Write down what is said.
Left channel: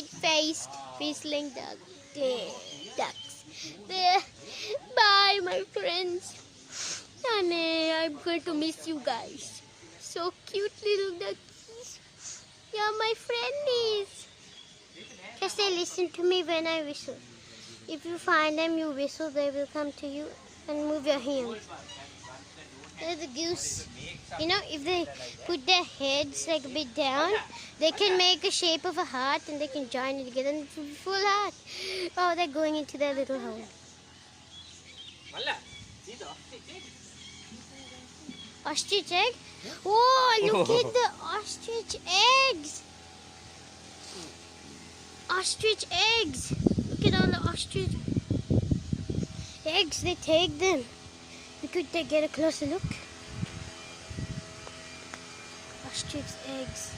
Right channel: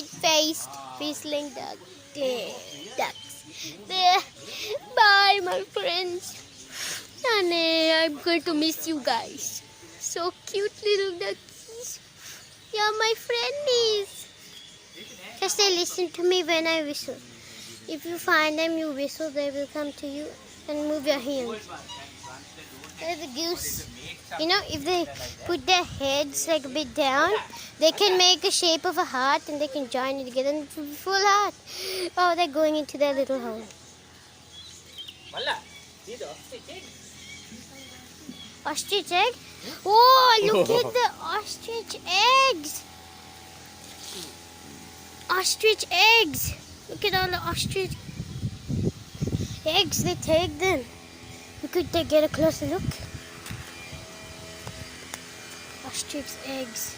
red-faced whistling ducks. There. Bye, my friends. And I'm going to miss you guys. So cute little duckies. You're my friendies. Just they listen to me when I whistle. If you find them, you whistle, they will come to you and move your hands. The goose, you know, if they put their heads like a bit down, they can make a shape of a heart and they can join it together and it will be full heart. Oh, they're going into their little home. Ostrich egg? Oh, look at the ostrich eggs! Ostrich eggs! Look at all the ostrich eggs, they take them. We could get a closer look. Ostrich eggs.